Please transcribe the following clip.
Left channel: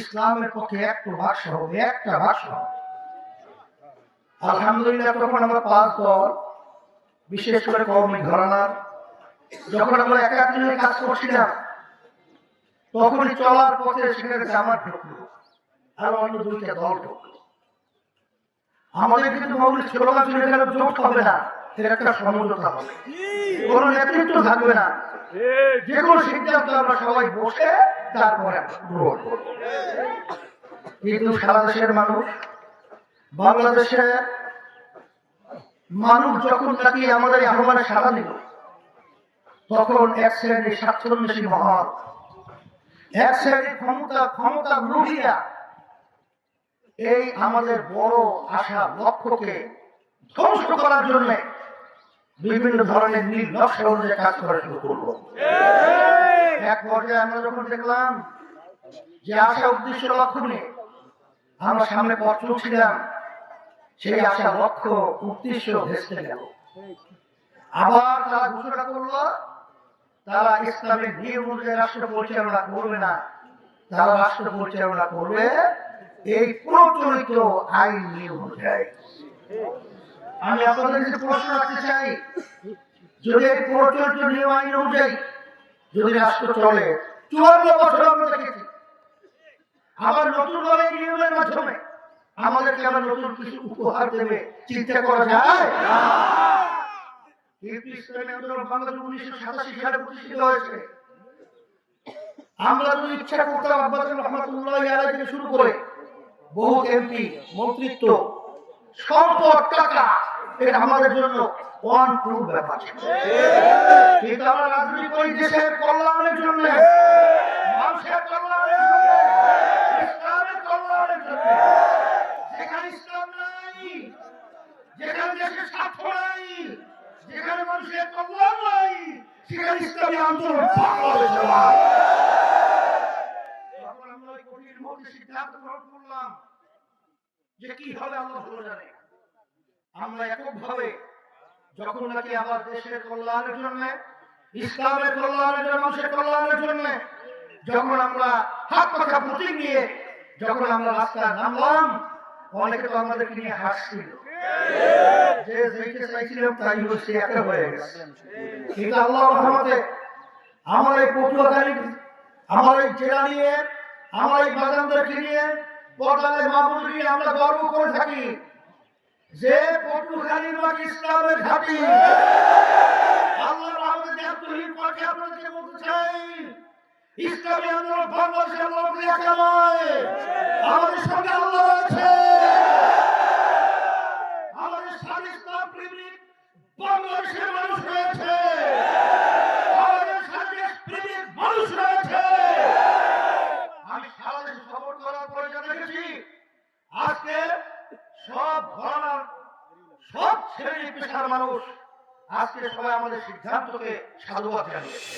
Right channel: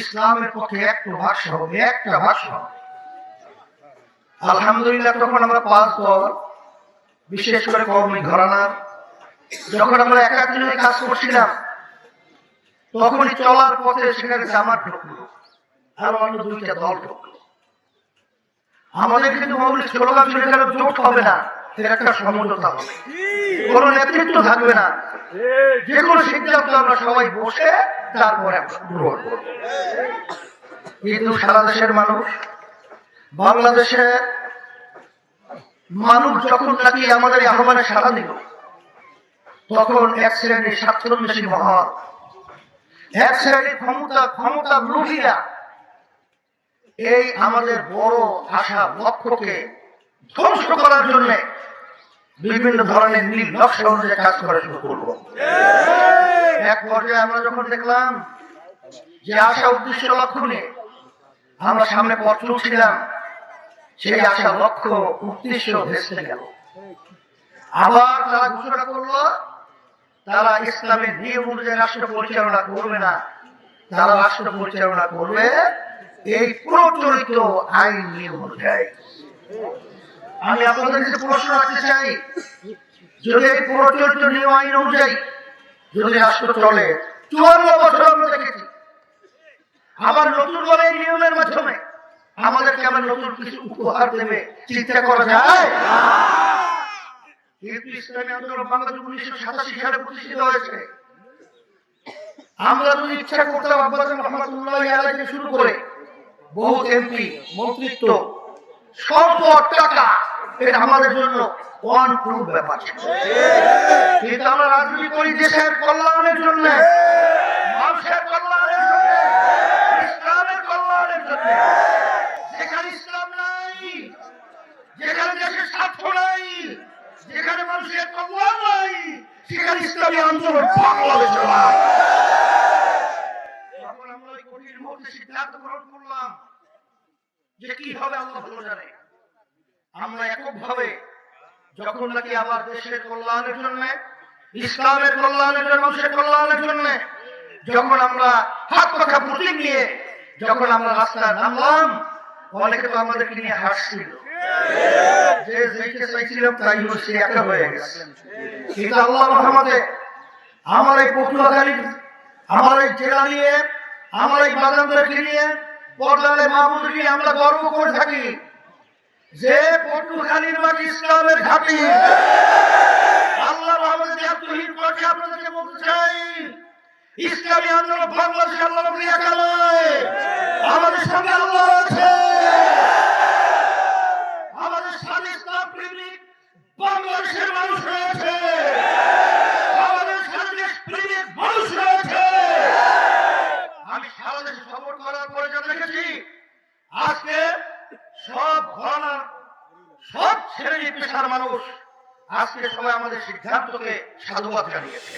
ইসলামের পক্ষে একটা ভাষা হবে, একটা ভাষা হবে। আলহামদুলিল্লাহ তখন আমরা 5 দল, বিশেষ করে কওমি ঘরানার, যখন আমরা একাত্রিত হয়ে কাজ করছিলাম, তখনই চলার পথে সেখানে জামাত ঢুকলো, আর অন্য 2টা দল ঢুকলো। আমাদের কিন্তু মৌলিক স্লোগান ছিল এখানে জোট হবে না, এর একটা সমঝোতা হবে, কোন নেতৃত্ব থাকবে না, যে কোনো সিদ্ধান্ত আমরা সবাই বসে তারপরে গ্রহণ করব। কিন্তু সারা দেশের মানুষ, বাংলাদেশের মানুষ যখন নাকি আমাদের আহ্বানে সাড়া দিল, তখন এক শ্রেণীর স্বার্থন্বেষী মহল, এক শ্রেণীর ক্ষমতা লুভিয়া এই আমাদের বড় আশা লক্ষ্যকে ধ্বংস করার জন্য বিভিন্ন ধরনের নীল নকশা অনুযায়ী কাজ করা শুরু করবো। এক পর্যায়ে আমরা যখন দেখলাম যে আশা উদ্দেশ্য লক্ষ্য নিয়ে আমরা সামনে পথ চলছিলাম, সেই আশা লক্ষ্য উদ্দেশ্য ভেস্তে গেল। আবার তারা ঘোষণা করলো তারা ইসলামের নিয়ম অনুযায়ী রাষ্ট্র পরিচালনা করবে না, তারা রাষ্ট্র পরিচালনা করবে এই প্রচলিত আইন নিয়ম অনুযায়ী। আমি আপনাদের কাছে প্রশ্ন রাখতে চাই, যদি এই প্রচলিত নিয়ম আইন অনুযায়ী যদি রাষ্ট্র চলে, 54 বছর আমরা দেখেছি, আবার নতুন ভাবে এই নিয়মের মাধ্যমে আমাদেরকে আবার নতুন কিছু উপহার দেবে চিন্তা করা যায়? কিন্তু ইসলামী আন্দোলন বাংলাদেশ 1987 সালে প্রতিষ্ঠিত হয়েছে। আমরা যদি ইচ্ছা করতাম আব্বাস রহমাতুল্লাহ আলাইহি থেকে শুরু করে বহু এমপি, মন্ত্রিত্ব, সম্পদ, টাকা, এটা আমাদের জন্য অনপ্রুভ ব্যাপার ছিল। কিন্তু আমরা রাজনীতি করি দেশের কল্যাণের জন্য, মানুষের কল্যাণের জন্য, ইসলামের কল্যাণের জন্য। যেখানে ইসলাম নাই, যেখানে দেশের স্বার্থ নাই, যেখানে মানুষের কল্যাণ নাই, সেখানে ইসলামী আন্দোলন বাংলাদেশে নাই। তখন আমরা এই কঠিন মুহূর্তে সিদ্ধান্ত গ্রহণ করলাম যে কি হবে আল্লাহ ভালো জানে। আমরা এককভাবে যখন নাকি আবার দেশের কল্যাণের জন্য, ইসলামের কল্যাণের জন্য, মানুষের কল্যাণের জন্য যখন আমরা হাত কথা প্রতীক নিয়ে যখন আমরা রাস্তায় নামলাম, অনেকে তো আমাদেরকে নিয়ে হাসছিল, যে যেইটা চাইছিলাম তাই হচ্ছে একা হয়ে গেছে। কিন্তু আল্লাহর রহমতে আমার এই পটুয়াখালী, আমার এই জেলা নিয়ে, আমার এই বাজানদেরকে নিয়ে, পর্দালে মাহবুবকে নিয়ে আমরা গর্ব করে থাকি যে পটুয়াখালীর মাটি ইসলামের ঘাঁটি। আল্লাহর রহমতে আত্মহীন করতে আপনাদেরকে বলতে চাই, ইসলামী আন্দোলন বাংলাদেশের আল্লাহ একা নয়, আমাদের সঙ্গে আল্লাহ আছে, আমাদের সাথে ইসলাম প্রেমিক বাংলাদেশের মানুষ রয়েছে, আমাদের সাথে দেশপ্রেমিক মানুষ রয়েছে। আমি সারা দেশে সফর করার পরে যা দেখেছি, আজকে সব ঘরানার, সব শ্রেণী পেশার মানুষ আজকে সবাই আমাদের সিদ্ধান্তকে সাধুবাদ জানিয়েছে।